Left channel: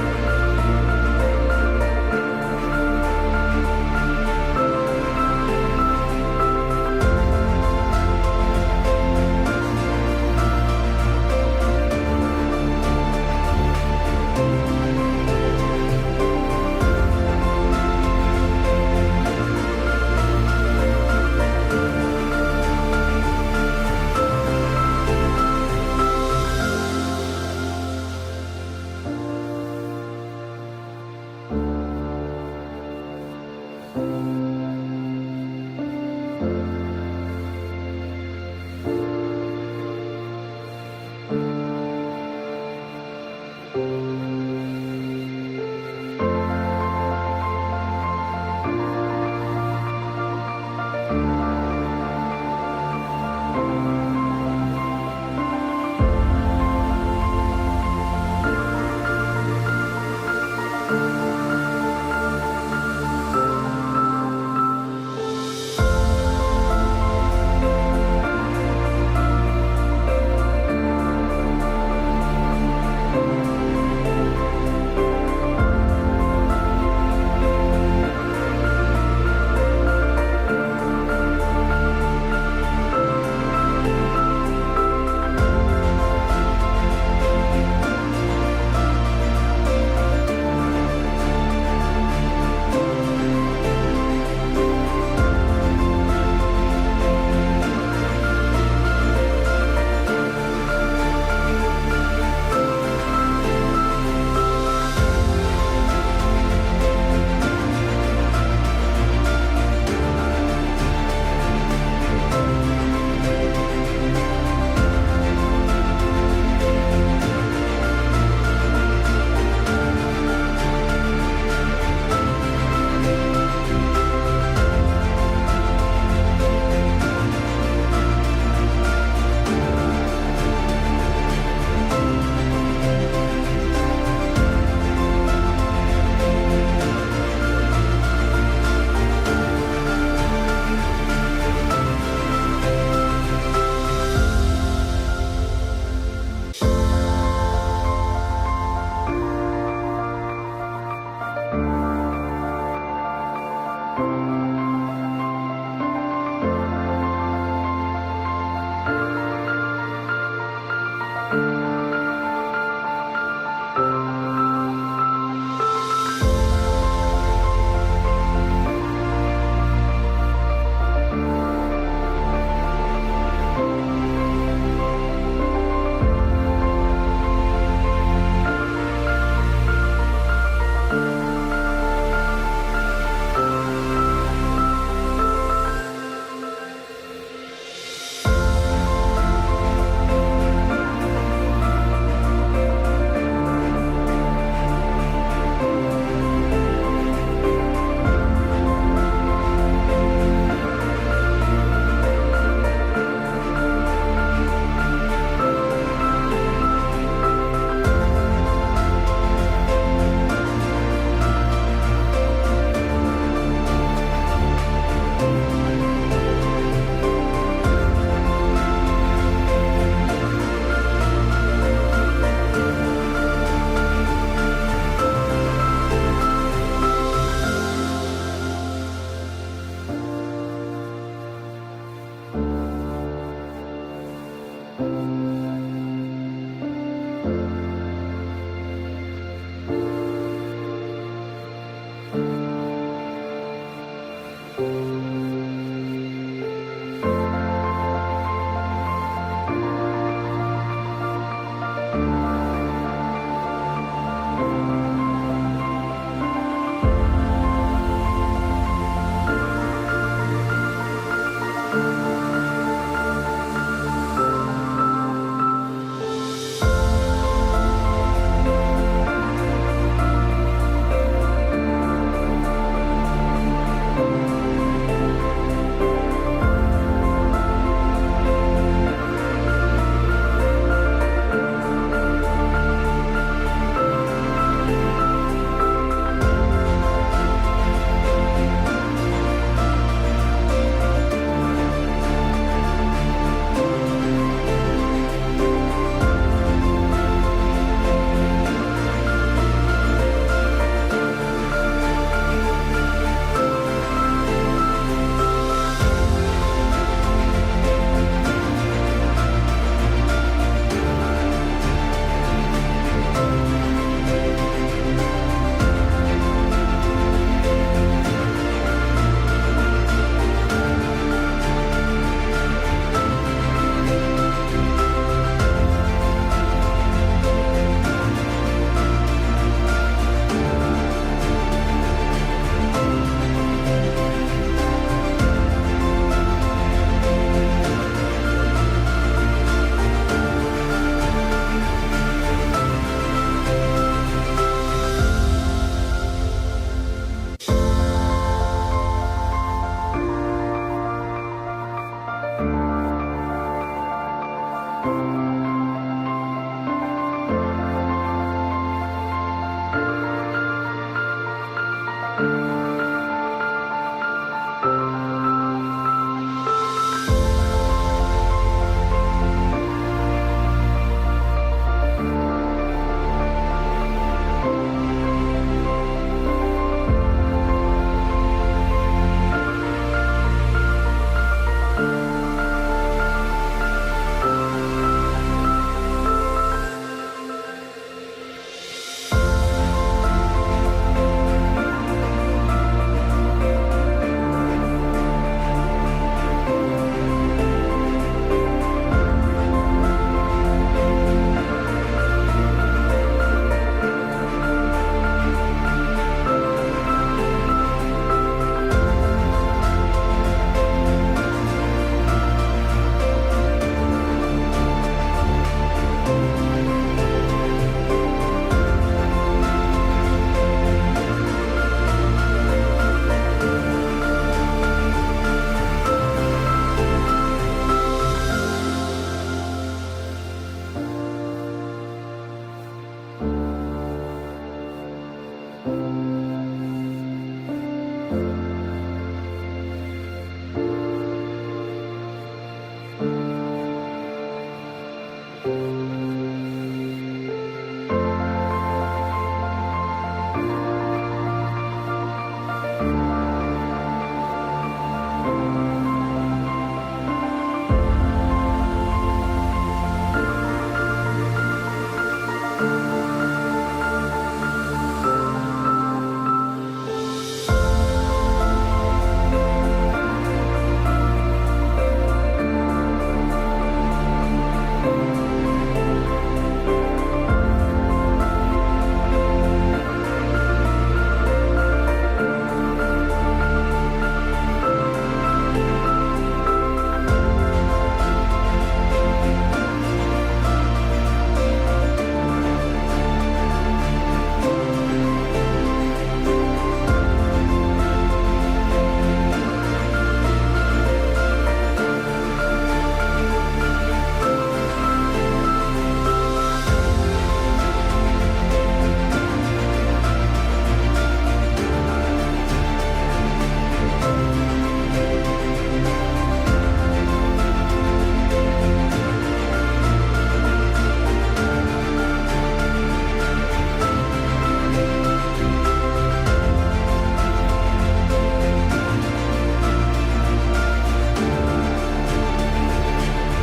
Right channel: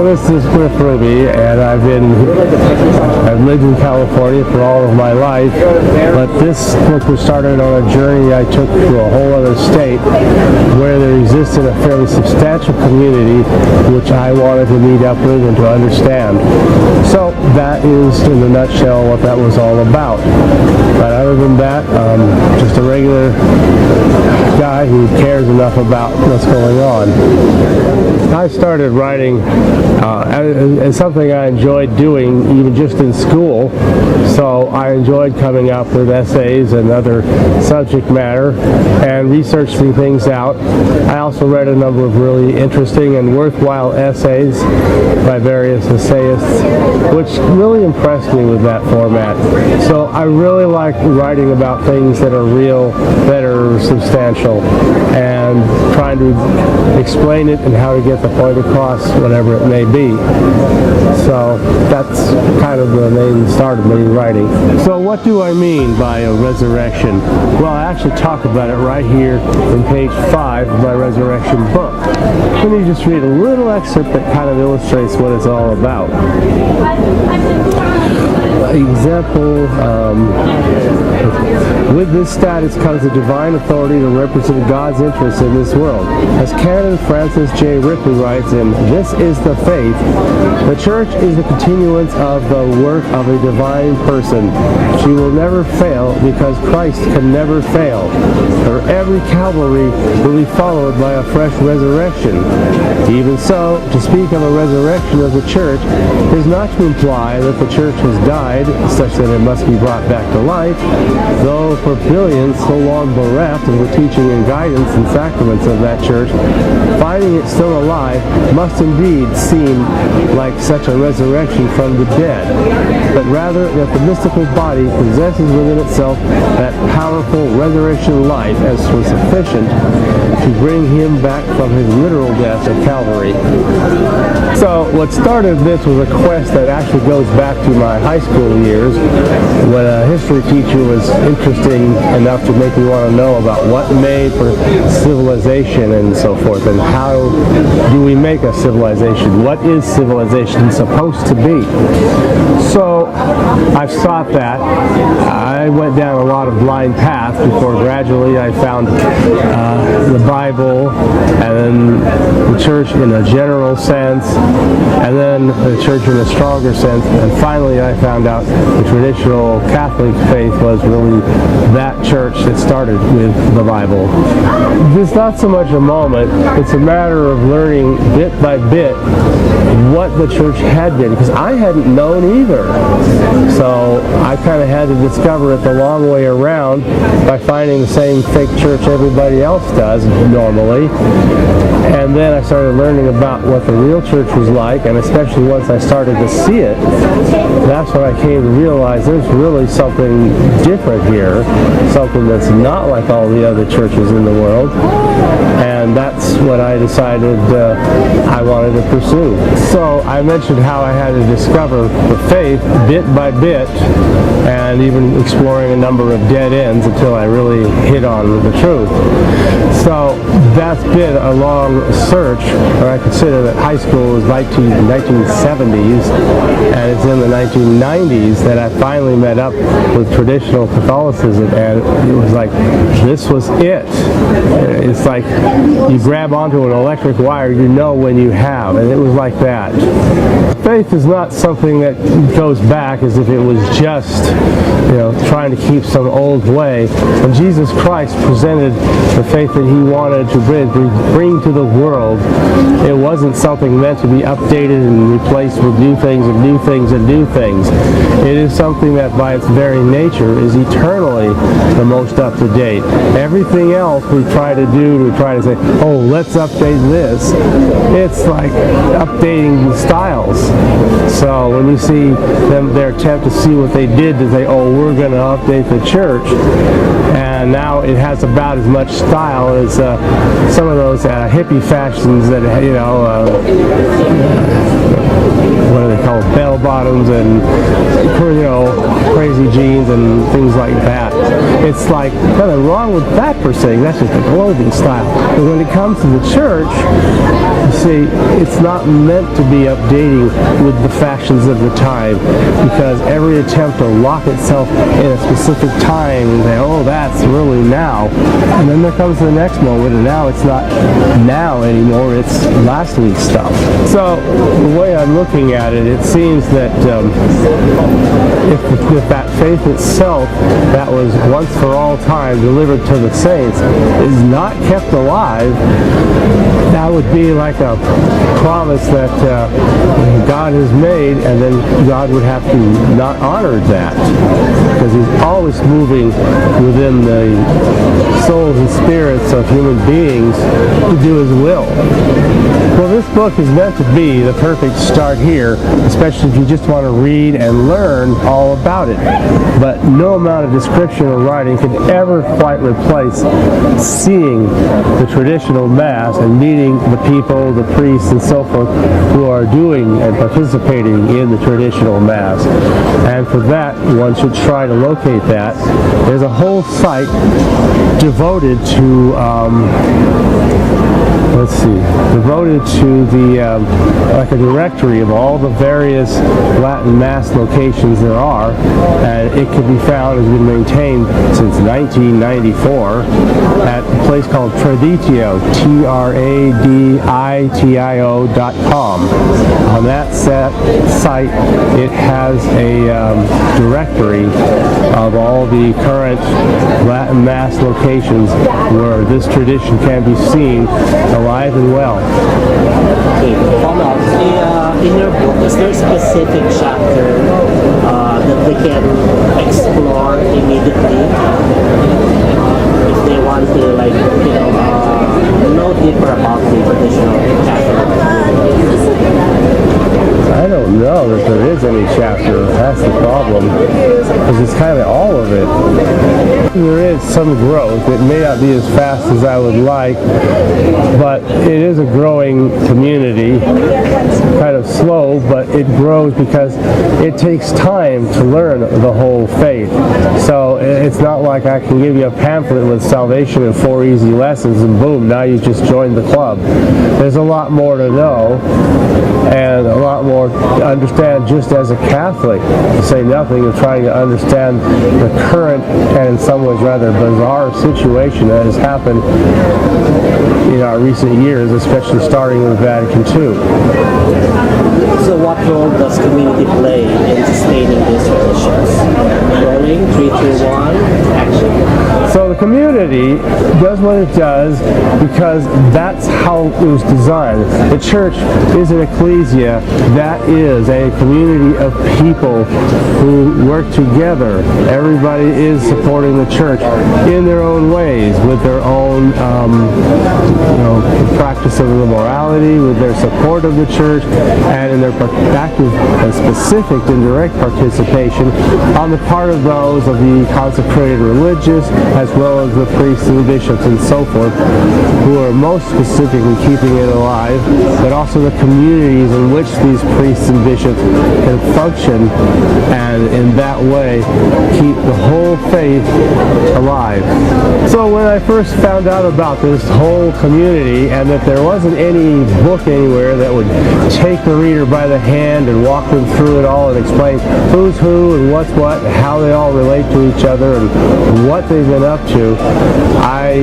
Hello, this is Griff Ruby, and I've lived in California for all of my life, but this book was started on a journey I took to a whole other state where there existed a fairly substantial community which I wanted to meet up with and to understand. So that is, in a nutshell, what that was all about. But other than that, just a regular guy who cares enough about what's going on. I started writing as something I enjoyed doing even just in school, so I enjoyed coming up with essays and other subject matter and researching things out. I also read a number of really interesting and worthwhile essays by various essayists, which really impressed me with that format. So I really like writing about things that are real, that are substantial, and trying to explain it and how to get the point across, whatever it may be. So that's kind of the main start of me writing. So what do I mean by a resurrection? Well, I actually talk about it right here in page 5 of my resurrection book. Let me just read a little excerpt that kind of illustrates what it's all about. Example, with this status comes a divine authority to represent God's interests in this world. As Canon Francis J. Ripley writes in This is the Faith, the Church is the continuance of the work of a divine person. She will never fail because Christ can never fail. For every Calvary will be followed by a fresh resurrection. Even so, to speak of a resurrection of the Church is not to imply that the Church has died, such that it must be brought back to life, though for billions so long bereft of the teaching and guidance and sacraments of that Church, finding it still alive must indeed seem like such a resurrection from the dead, but rather that the mystical body possesses within itself that powerful resurrection life as was sufficient to bring him back from his literal death at Calvary. So what started this was a quest that actually goes back to my high school years, when a history teacher was interesting enough to make me want to know about what made for civilization and so forth, and how do we make a civilization? What is civilization supposed to be? So I've sought that. I went down a lot of blind paths before gradually I found the Bible, and then the Church in a general sense, and then the Church in a stronger sense, and finally I found out the traditional Catholic faith was really that church that started with the Bible. It's not so much a moment, it's a matter of learning bit by bit what the church had been, because I hadn't known either. So I kind of had to discover it the long way around by finding the same fake church everybody else does normally. And then I started learning about what the real church was like, and especially once I started to see it, that's when I came to realize there's really something different here, something that's not like all the other churches in the world. And that's what I decided I wanted to pursue. So I mentioned how I had to discover the faith bit by bit, and even exploring a number of dead ends until I really hit on the truth. So that's been a long search, and I consider that high school was 1970s, and it's in the 1990s that I finally met up with traditional Catholicism, and it was like, this was it. It's like you grab onto an electric wire, you know when you have, and it was like that. Faith is not something that goes back as if it was just, trying to keep some old way. When Jesus Christ presented the faith that he wanted to bring to the world, it wasn't something meant to be updated and replaced with new things and new things and new things. It is something that by its very nature is eternally the most up to date. Everything else we try to do, we try to say, oh, let's update this. It's like updating the styles. So when you see them, their attempt to see what they did to say, oh, we're going to update the church, and now it has about as much style as some of those hippie fashions that, what do they call it, bell bottoms and, crazy jeans and things like that. It's like, nothing wrong with that per se. That's just a clothing style. But when it comes to the church, you see, it's not meant to be updating with the fashions of the time, because every attempt to lock itself in a specific time and say, oh, that's really now. And then there comes the next moment, and now it's not now anymore, it's last week's stuff. So the way I'm looking at it, it seems that if with that faith itself that was once for all time delivered to the saints is not kept alive, that would be like a promise that God has made, and then God would have to not honor that, because he's always moving within the souls and spirits of human beings to do his will. Well, this book is meant to be the perfect start here, especially if you just want to read and learn all about it. But no amount of description or writing can ever quite replace seeing the traditional Mass and meeting the people, the priests, and so forth who are doing and participating in the traditional Mass. And for that, one should try to locate that. There's a whole site devoted to devoted to the like a directory of all the various Latin Mass locations there are, and it can be found and been maintained since 1994 at a place called Traditio, TRADITIO.com. On that site, it has a directory of all the current Latin Mass locations where this tradition can be seen alive and well. Okay, in your book, is there a specific chapter that they can explore immediately if they want to, like, know deeper about the traditional Catholic? I don't know if there is any chapter. That's the problem, because it's kind of all of it. There is some growth. It may not be as fast as I would like, but it is a growing community. Kind of slow, but it grows because it takes time to learn the whole faith. So it's not like I can give you a pamphlet with salvation and 4 easy lessons and boom, now you've just joined the club. There's a lot more to know and a lot more to understand just as a Catholic, to say nothing of trying to understand the current and in some ways rather bizarre situation that has happened in our recent years, especially starting with Vatican II. So what role does community play in sustaining these traditions? Rolling, 3, 2, 1, action. So the community does what it does because that's how it was designed. The church is an ecclesia that is a community of people who work together. Everybody is supporting the church in their own ways, with their own practice of the morality, with their support of the church, and in their active and specific and direct participation on the part of those of the consecrated religious, as well as the priests and the bishops and so forth, who are most specifically keeping it alive, but also the communities in which these priests and bishops can function, and in that way keep the whole faith alive. So when I first found out about this whole community, and that there wasn't any book anywhere that would take the reader by the hand and walk them through it all and explain who's who and what's what, how they all relate to each other and what they've been up to, I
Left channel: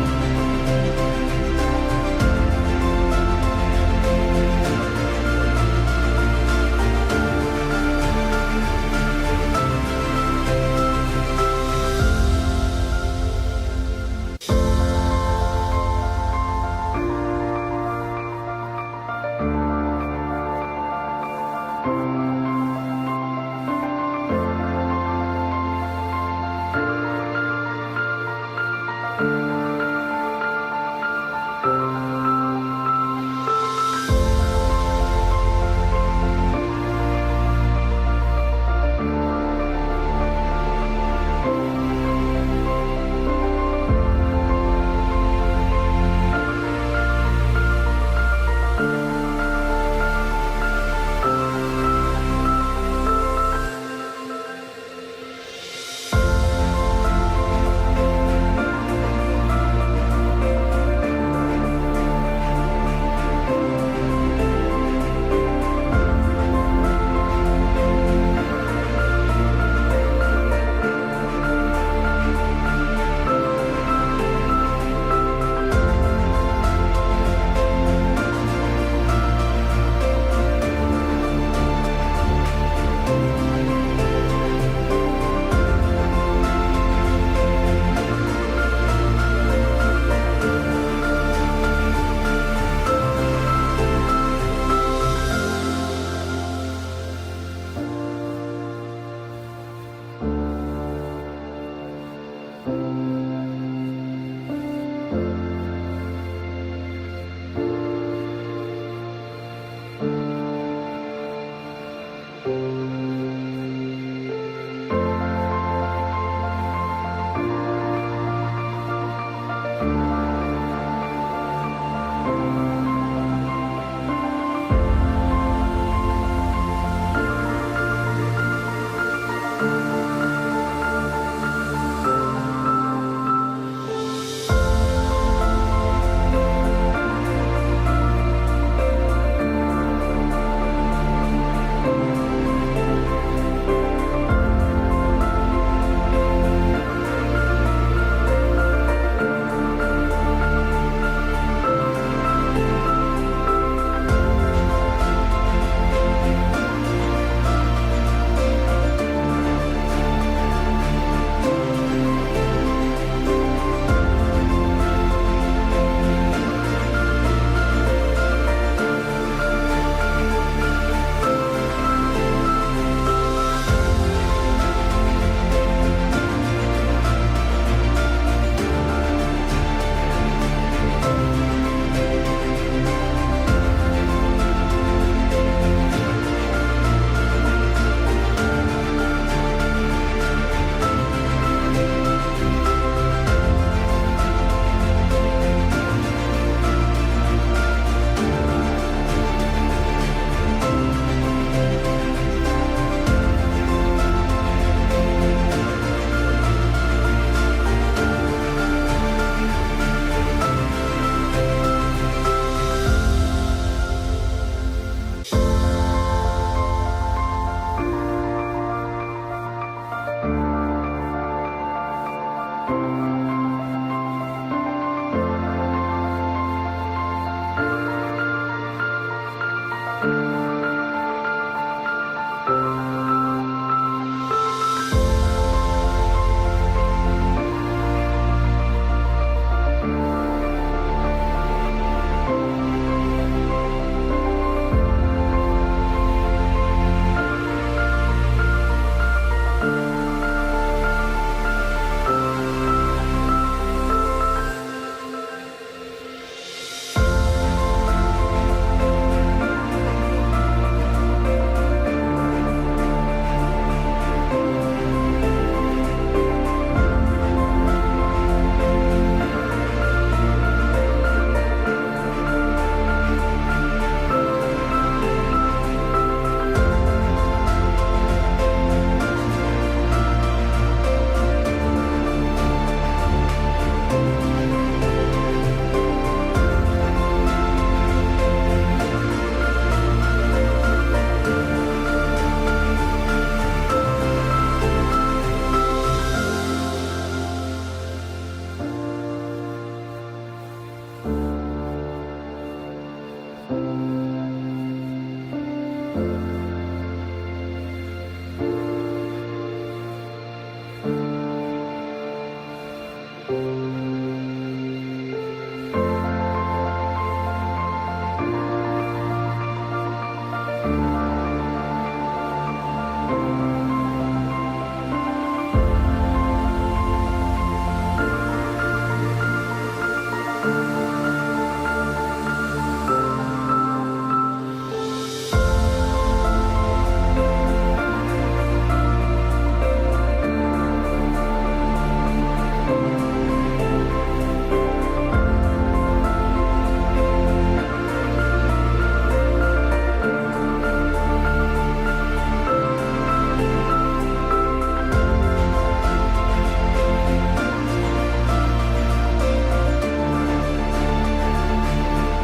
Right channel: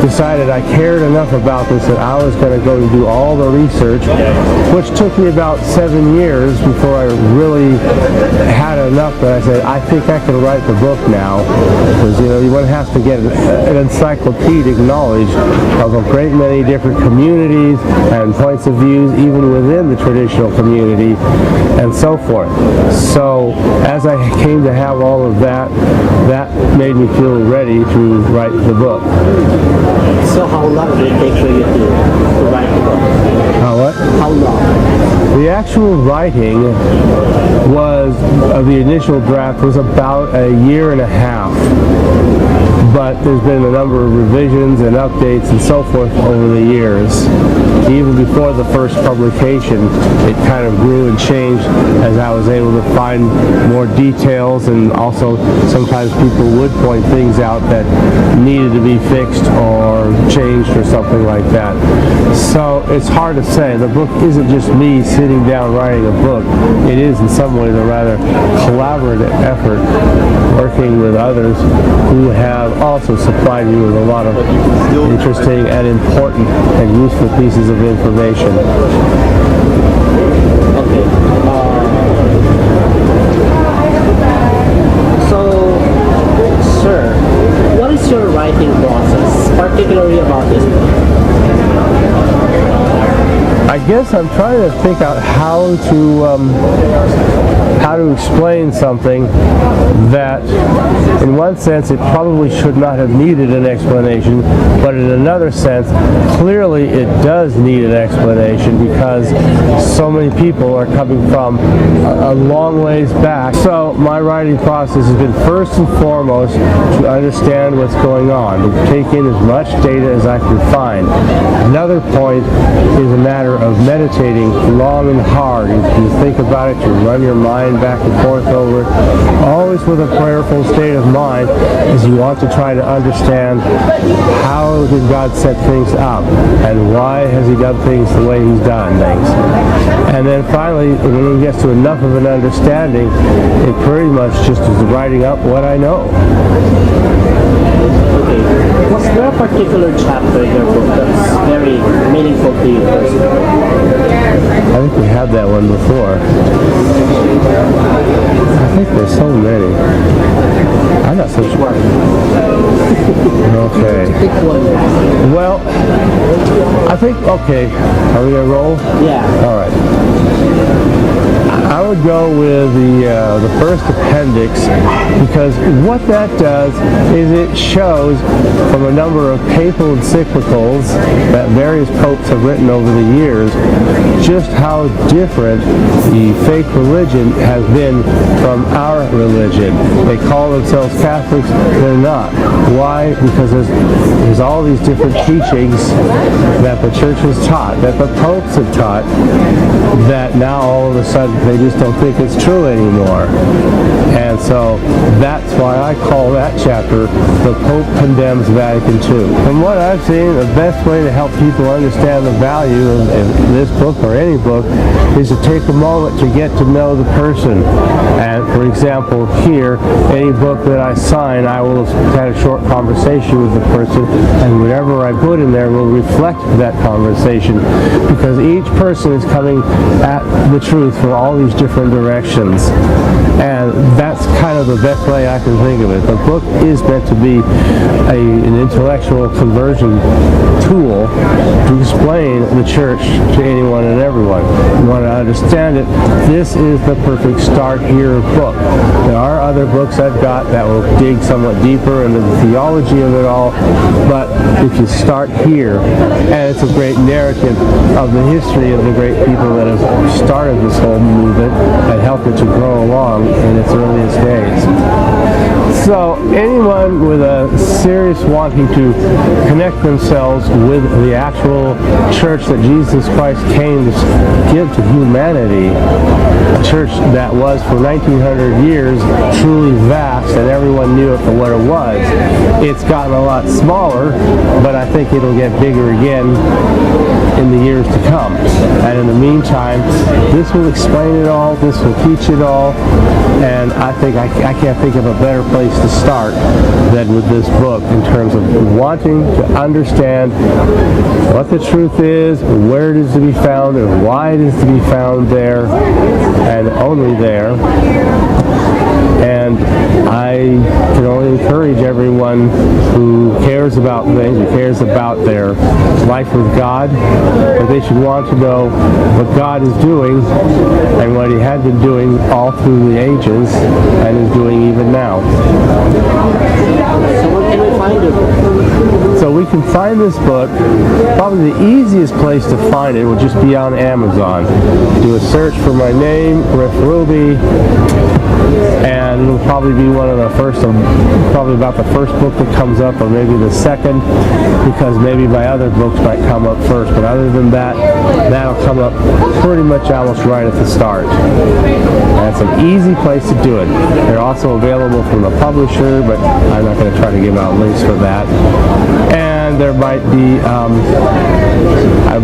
decided I cared enough about this that I was going to go and do all the research, which took me about 7 years before I really had enough that I said, I think I can write the book now, because you want to have to get an encyclopedic knowledge of a great many different communities and points of views even within the traditional community and so forth. So as I came to have all of that, that made me feel ready to write the book. So how long did it take for you to write the book? How long? The actual writing of the initial draft was about 1.5 years. but there's been a number of revisions and updates and so forth over the years. Even before the first publication, it kind of grew and changed as I was able to find more details, and also sometimes people would point things out that needed to be fixed or changed or something like that. So it's hard to say. The book isn't just me sitting down writing a book. It is in some ways a rather collaborative effort, working with others who have also supplied me with a lot of interesting and important and useful pieces of information. Okay. So, sir, what is your writing process, particularly about this book? I guess I'm trying to think out how to explain something that, in one sense, it probably should not have needed an explanation, but in another sense, clearly it does need an explanation because so many people are coming from a long ways back. So my writing process has been first and foremost to understand what's going on, to take in as much data as I can find. Another point is a matter of meditating long and hard. You think about it, you run your mind back and forth over it, always with a prayerful state of mind, as you want to try to understand how did God set things up and why has he done things the way he's done things. And then finally, when he gets to enough of an understanding, it pretty much just is writing up what I know. Okay. Was there a particular chapter in your book that's very meaningful to you personally? I think we had that one before. I think there's so many. I'm not so sure. Okay. Well, I think, okay, are we going to roll? Yeah. All right. I would go with the first appendix, because what that does is it shows from a number of papal encyclicals that various popes have written over the years just how different the fake religion has been from our religion. They call themselves Catholics, they're not. Why? Because there's all these different teachings that the church has taught, that the popes have taught, that now all of a sudden they just don't think it's true anymore. And so that's why I call that chapter The Pope Condemns Vatican II. From what I've seen, the best way to help people understand the value of this book or any book is to take a moment to get to know the person. And for example, here, any book that I sign, I will have had a short conversation with the person, and whatever I put in there will reflect that conversation, because each person is coming at the truth from all these different directions. And that's kind of the best way I can think of it. The book is meant to be an intellectual conversion tool to explain the church to anyone and everyone. You want to understand it, this is the perfect start here book. There are other books I've got that will dig somewhat deeper into the theology of it all, but if you start here, and it's a great narrative of the history of the great people that have started this whole movement and helped it to grow along in its earliest days. So anyone with a serious wanting to connect themselves with the actual church that Jesus Christ came to give to humanity, a church that was for 1900 years truly vast and everyone knew it for what it was. It's gotten a lot smaller, but I think it'll get bigger again in the years to come. And in the meantime, this will explain it all, this will teach it all, and I think I can't think of a better place to start than with this book in terms of wanting to understand what the truth is, where it is to be found, and why it is to be found there, and only there. And I can only encourage everyone who cares about things, who cares about their life with God, that they should want to know what God is doing and what he had been doing all through the ages and is doing even now. So where can we find it? So we can find this book. Probably the easiest place to find it will just be on Amazon. Do a search for my name, Griff Ruby, and it'll probably be one of the first, probably about the first book that comes up, or maybe the second, because maybe my other books might come up first. But other than that, that'll come up pretty much almost right at the start. And it's an easy place to do it. They're also available from the publisher, but I'm not going to try to give out links for that. And there might be,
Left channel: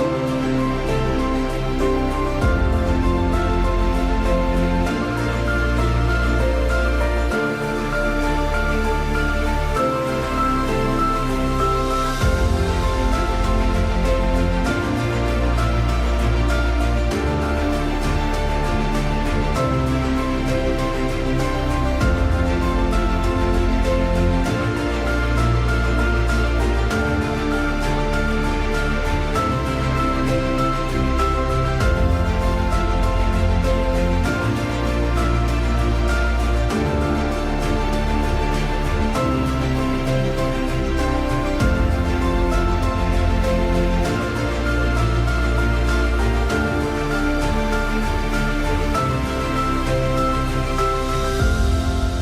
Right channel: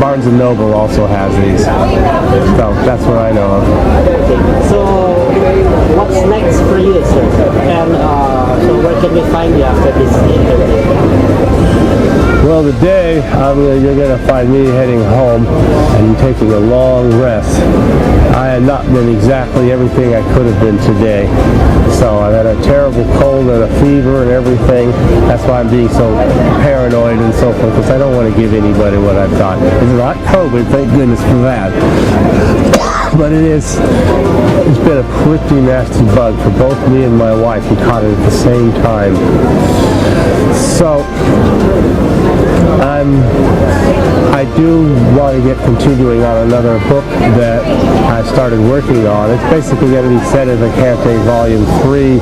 Barnes & Noble also has these. So that's what I know of. So, what's next for you, sir? And so where can we find you after this interview? Well, today, you're going to find me heading home and taking a long rest. I had not been exactly everything I could have been today. So I've had a terrible cold and a fever and everything. That's why I'm being so paranoid and so forth, because I don't want to give anybody what I've got. It's not COVID, thank goodness for that. But it's been a pretty nasty bug for both me and my wife. We caught it at the same time. So I do want to get continuing on another book that I started working on. It's basically going to be set in the Cante Volume 3.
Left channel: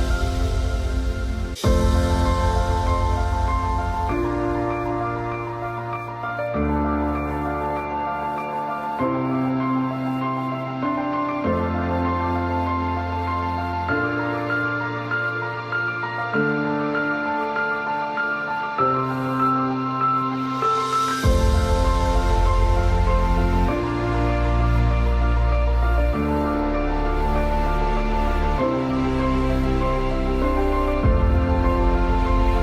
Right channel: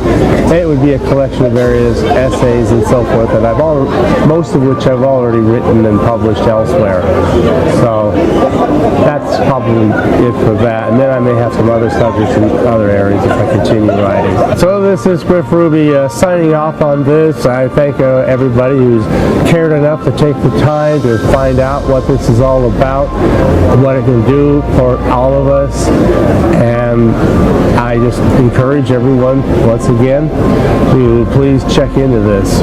It would be a collection of various essays and so forth that most of which I've already written and published elsewhere. So that's probably it for that. And then I may have some other subjects in other areas if I continue writing. So this is Griff Ruby signing off on this. I thank everybody who's cared enough to take the time to find out what this is all about, what it can do for all of us. And I just encourage everyone, once again, to please check into this.